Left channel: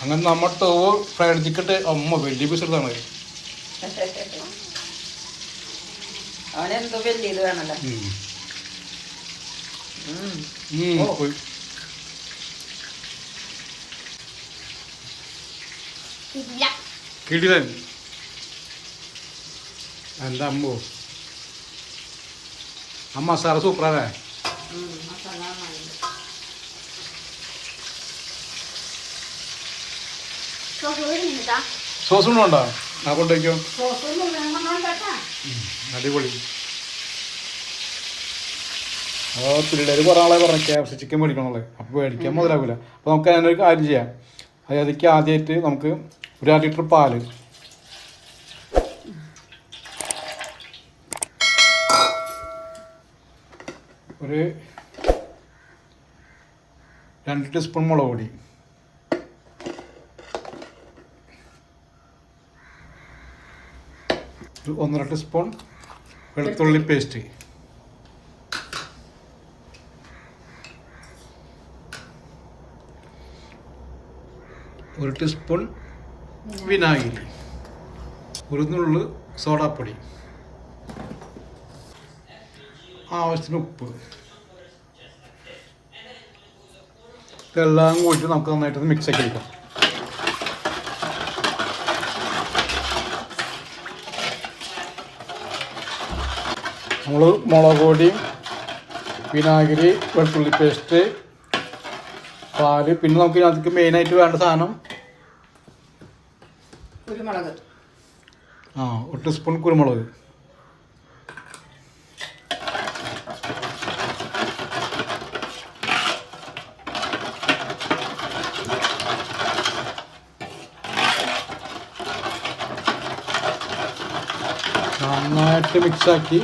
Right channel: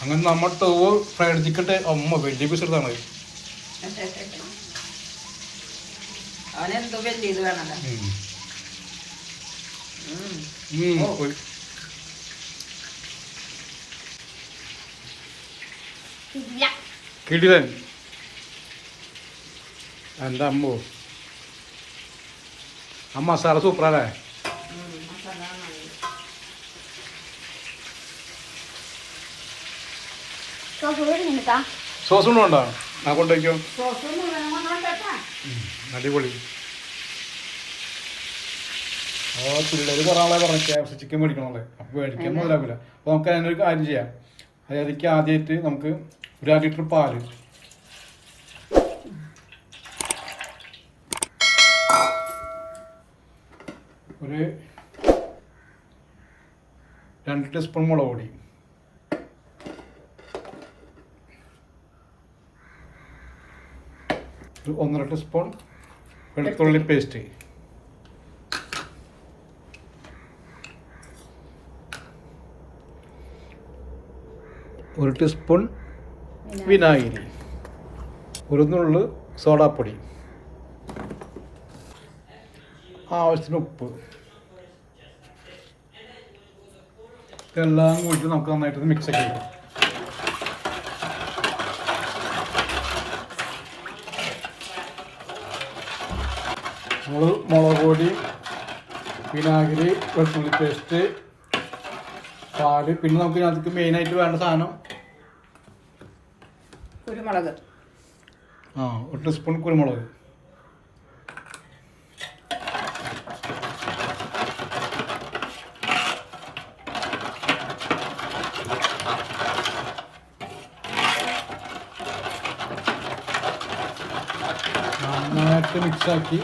അങ്ങനെ നമ്മൾ ടോവ് fried chicken അമ്മ വലിയ പീസ് എടുത്താണ്. കിടിലൻ. എന്റെ അമ്മോ? അമ്മ സാറ് സൂപ്പറല്ലേ സോസ് ഉണ്ടോ ആ കൊണ്ടുവയ്ക്കോ. അടിപൊളി. അപ്പോൾ പിള്ളേർ കുറേ ആളെ പറഞ്ഞു സി ചിക്കൻ മേടിക്കണമല്ലേ അപ്പോൾ മേടിക്കാൻ മുതലാവില്ല. അപ്പോൾ നമുക്ക് അതിനൊരു കാര്യം ചെയ്യാം. അതിലേക്ക് ആദ്യമായിട്ട് നമുക്ക് ഒരു അര ലിറ്റർ പാൽ. ഒരു രണ്ട് ടീസ്പൂൺ മുളക് പൊടി ഒന്നര ടീസ്പൂൺ വെളുത്തുള്ളി പേസ്റ്റ്. ഒരു ടീസ്പൂൺ വിനാഗിരി. ഒരു നുള്ളു സോഡാപ്പൊടി. ആവശ്യത്തിന് ഉപ്പ്. ഇതെല്ലാം കൂടി നമുക്ക് നന്നായിട്ട് മിക്സ് ആക്കി എടുക്കാം. നമ്മൾ മുളക് പൊടി വിനാഗിരി വെളുത്തുള്ളി പേസ്റ്റ് പാൽ. പിന്നെ നമുക്ക് അതിക്ക് മെയിനായിട്ട് വേണ്ട സാധനം കുരുമുളക്. ആ ഒരു സ്പൂൺ കുരുമുളക്. നന്നായിട്ട് മിക്സാക്കി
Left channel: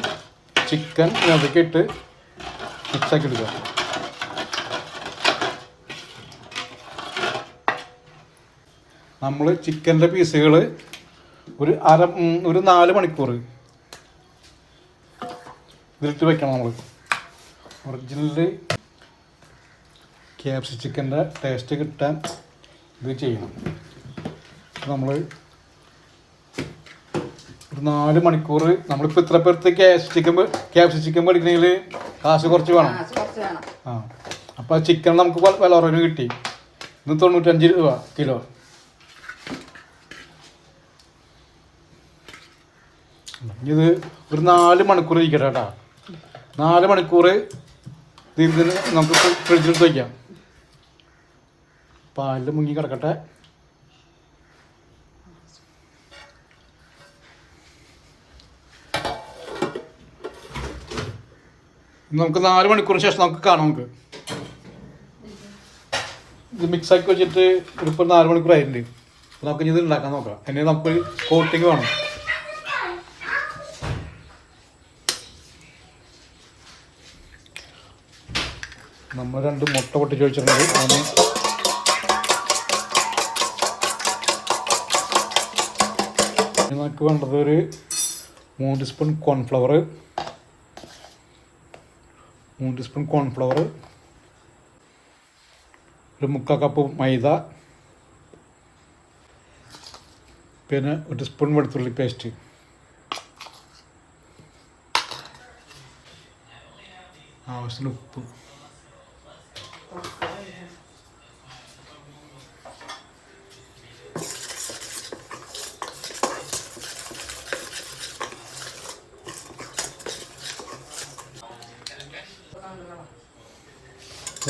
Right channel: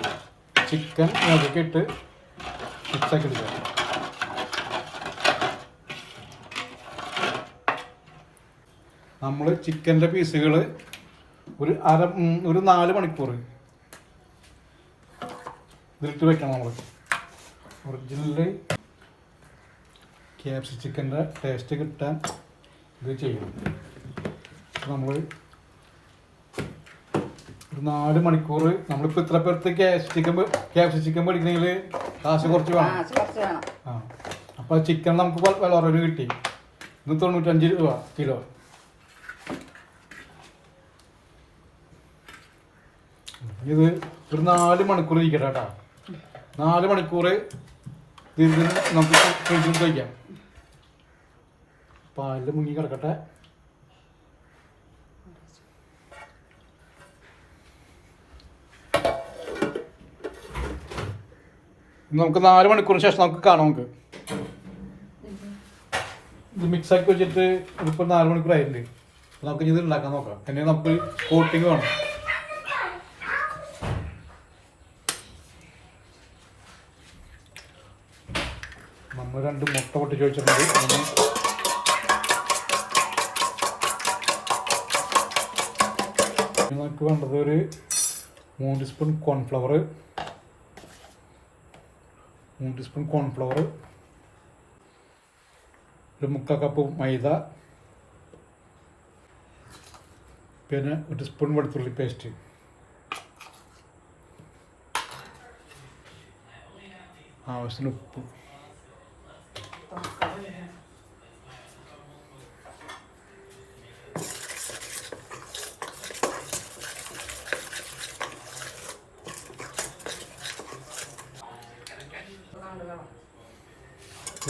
ചിക്കൻ അതൊക്കെ ഇട്ട് മിക്സാക്കി എടുക്കുക നമ്മൾ ചിക്കന്റെ പീസുകൾ ഒരു അര ഒരു നാല് മണിക്കൂർ ഇതിലിട്ട് വെക്കണം നമ്മൾ ഒറിജിനൽ ക്യാപ്സി ചിക്കന്റെ ടേസ്റ്റ് കിട്ടാൻ ഇത് ചെയ്യണം നമ്മൾ നാല് മണിക്കൂർ നമ്മളിപ്പോൾ ഇത്ര പേർക്ക് ചിക്കൻ ക്യാഷ് ചിക്കൻ മേടിക്കണമെങ്കിൽ കാശ് കുറച്ച് വേണം. ആ. അപ്പോൾ ചിക്കൻ നമുക്ക് വില കുറവിന് കിട്ടി. ഇന്ന് തൊണ്ണൂറ്റഞ്ച് രൂപ കിലോ. ഇത് ഒരു നാല് മണിക്കൂർ ഇരിക്കട്ടെ കേട്ടോ. നാല് മണിക്കൂർ ഇതിന് നമുക്ക് ഫ്രിഡ്ജിൽ വയ്ക്കാം പാലിൽ മുങ്ങി കിടക്കട്ടെ. നമുക്ക് നാല് മണിക്കൂറിന് ശേഷം നമുക്ക് കാണാം നമുക്ക്. ഇത് മിക്സ് ആക്കി വെച്ചിട്ട് ഇപ്പോൾ നാല് മണിക്കൂർ ആയിട്ടുണ്ട്. നമുക്ക് ഇത് ഉണ്ടാക്കാൻ നോക്കാം. എന്നെ നമുക്ക് കോട്ടിങ് വേണം. നമ്മൾ രണ്ട് മുട്ട പൊട്ടിച്ച് വെച്ചിട്ടുണ്ട്. നമുക്ക് വേണ്ടത് ഒരു മൂന്ന് സ്പൂൺ കോൺഫ്ലവർ മൂന്ന് ടീസ്പൂൺ കോൺഫ്ലവർ ഒരു മുക്കാൽ കപ്പ് മൈദ പിന്നെ ഒരു സ്പൂൺ വെളുത്തുള്ളി പേസ്റ്റ് ആവശ്യത്തിന് ഉപ്പ്.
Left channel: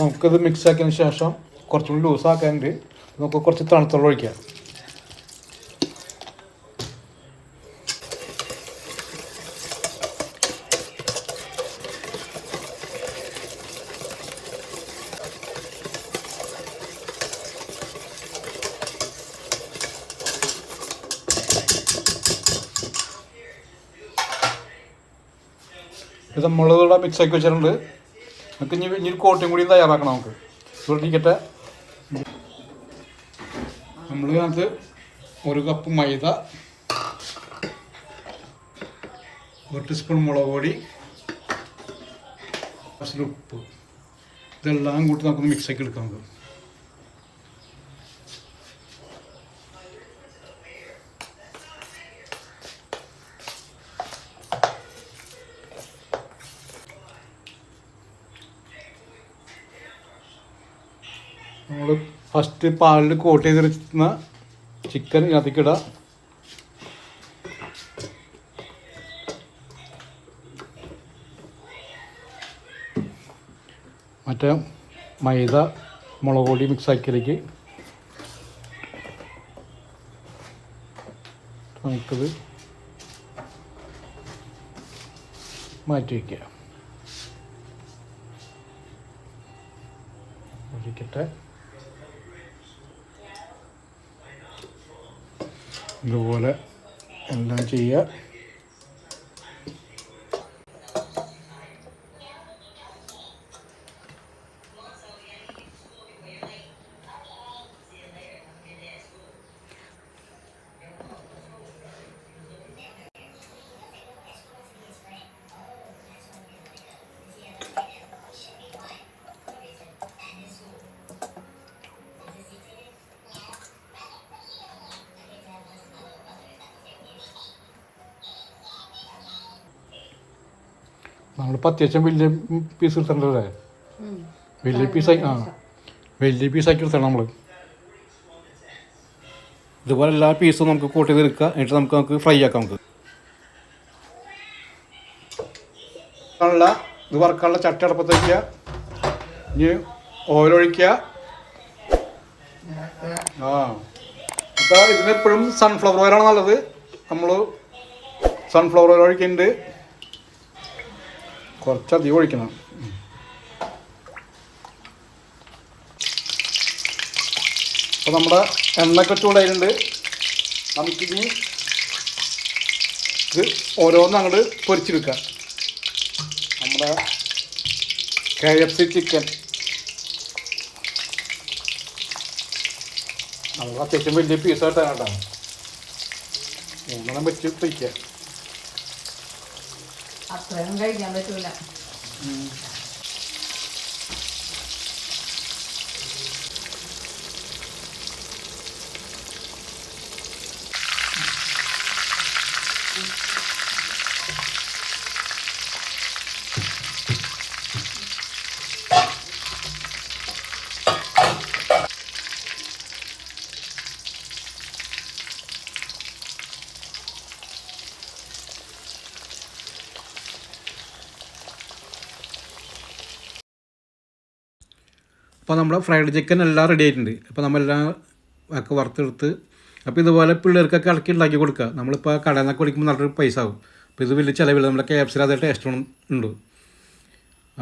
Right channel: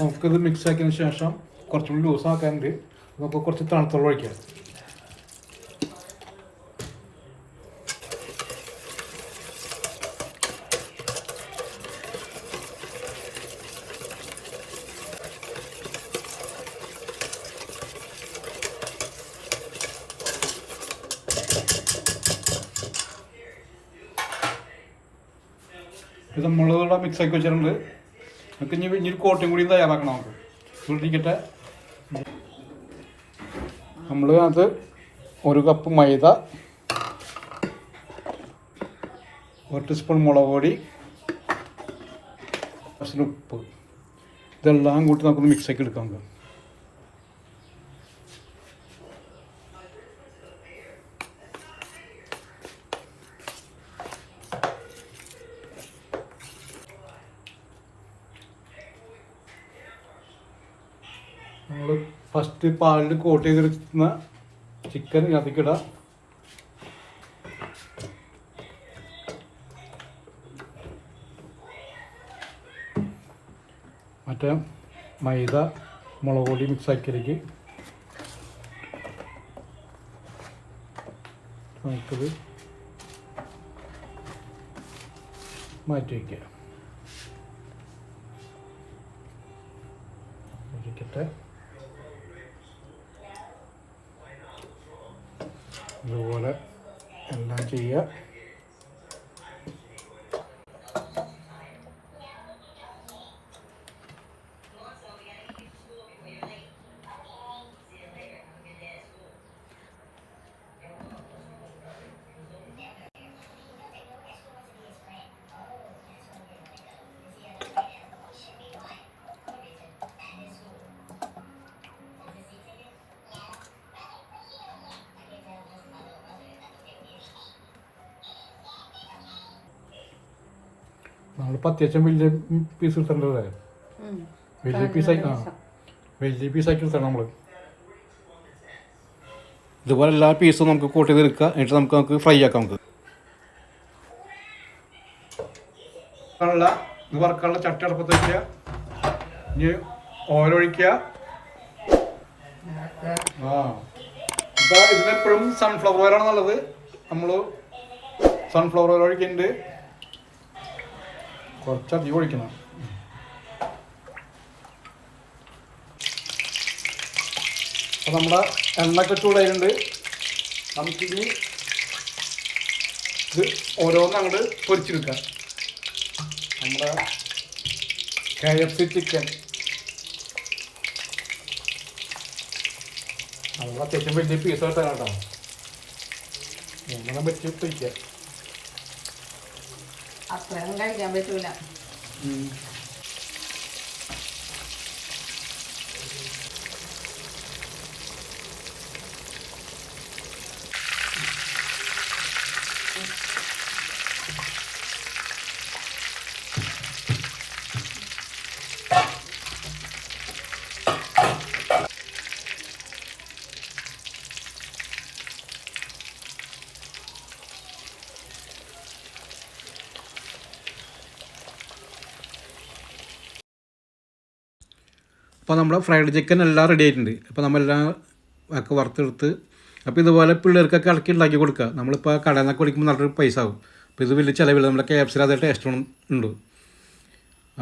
നമുക്കിത് മിക്സ് ആക്കിയതിന് ശേഷം കുറച്ചുകൂടി ലൂസാക്കാനുണ്ട്. നമുക്ക് കുറച്ച് തണുത്തുള്ള ഒഴിക്കാം. ഇത് നമ്മളിവിടെ മിക്സ് ആക്കി വെച്ചിട്ടുണ്ട്. നമുക്ക് ഇനി ഇനി കോട്ടയും കൂടി തയ്യാറാക്കണം നമുക്ക്. സൂക്ഷിക്കട്ടെ നമ്മൾ അത് ഒരു കപ്പ് മൈദ ഒരു ടീസ്പൂൺ മുളക് പൊടി ഉപ്പ്. ഇതെല്ലാം കൂട്ടി നമുക്കൊന്ന് മിക്സ് ആക്കി എടുക്കാം നമുക്ക്. നമ്മൾ ഫസ്റ്റ് പാലിൽ കോട്ട് ചെയ്തിരുന്ന ചിക്കൻ ഇതിനകത്തേക്ക് മറ്റേ മൈദ മുളക് പൊടി മിക്സ് ആക്കിയതിലേക്ക് നമുക്കത് മാറ്റി ഇതുപോലെ എല്ലാം ചെയ്യുക. നമ്മളിപ്പോൾ അത്യാവശ്യം വലിയ പീസ് എടുത്തിട്ടുണ്ടല്ലേ? വലിയ പീസ് ആ. വലിയ പീസാക്കി എടുത്തണം നമ്മൾ ഇതുപോലെ എല്ലാ പീസും നമുക്ക് കോട്ട് ചെയ്ത് എടുക്കുക എന്നിട്ട് നമുക്ക് നമുക്ക് ഫ്രൈ ആക്കാം നമുക്ക്. ആണല്ല ഇത് വറുക്കാനുള്ള ചട്ടി അടപ്പത്ത് വയ്ക്കുക ഇനി ഓയിലൊഴിക്കുക ആ. ഇപ്പോൾ ഇതിനെപ്പോഴും സൺഫ്ലവർ ഓയിലാണ് നല്ലത്. നമ്മൾ സൺഫ്ലവർ ഓയിൽ ഒഴിക്കുന്നുണ്ട്. കുറച്ചധികം ഒഴിക്കണം അപ്പോൾ നമ്മുടെ എണ്ണയൊക്കെ ചൂടായിട്ടുണ്ട്. നമുക്കിനി ഇത് ഓരോന്ന് അങ്ങോട്ട് പൊരിച്ചെടുക്കാം നമ്മുടെ കെ എഫ് സി ചിക്കൻ അത്യാവശ്യം വലിയ പീസായിട്ട് കേട്ടോ. നമ്മളെ വെച്ച് అప్పుడు రంగా జమ్మ చూడాలి അപ്പോൾ നമ്മുടെ ഫ്രൈഡ് ചിക്കൻ എല്ലാം റെഡി ആയിട്ടുണ്ട്. അപ്പോൾ നമ്മളെല്ലാം ഒക്കെ വറുത്തെടുത്ത് അപ്പോൾ ഇതുപോലെ പിള്ളേർക്കൊക്കെ ഇളക്കി ഉണ്ടാക്കി കൊടുക്കുക. നമ്മളിപ്പോൾ കടയിൽ നിന്നൊക്കെ കുടിക്കുമ്പോൾ നല്ലൊരു പൈസ ആകും അപ്പോൾ ഇത് വലിയ ചിലവില്ല. നമ്മുടെ കെ എഫ് സിയിൽ അതേ ടേസ്റ്റ് ഉണ്ട്.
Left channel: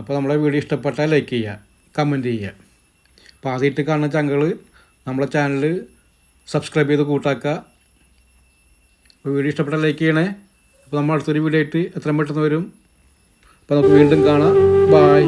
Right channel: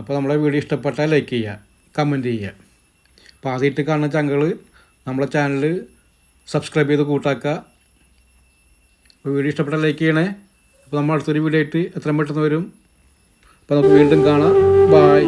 അപ്പോൾ നമ്മളെ വീഡിയോ ഇഷ്ടപ്പെട്ടാൽ ലൈക്ക് ചെയ്യുക കമന്റ് ചെയ്യുക. അപ്പോൾ ആദ്യമായിട്ട് കാണുന്ന ചങ്കൾ നമ്മളെ ചാനൽ സബ്സ്ക്രൈബ് ചെയ്ത് കൂട്ടാക്കുക. അപ്പോൾ വീഡിയോ ഇഷ്ടപ്പെട്ടാൽ ലൈക്ക് ചെയ്യണേ. അപ്പോൾ നമ്മൾ അടുത്തൊരു വീഡിയോ ആയിട്ട് എത്രയും പെട്ടെന്ന് വരും. അപ്പോൾ നമുക്ക് വീണ്ടും കാണാം. ബായ്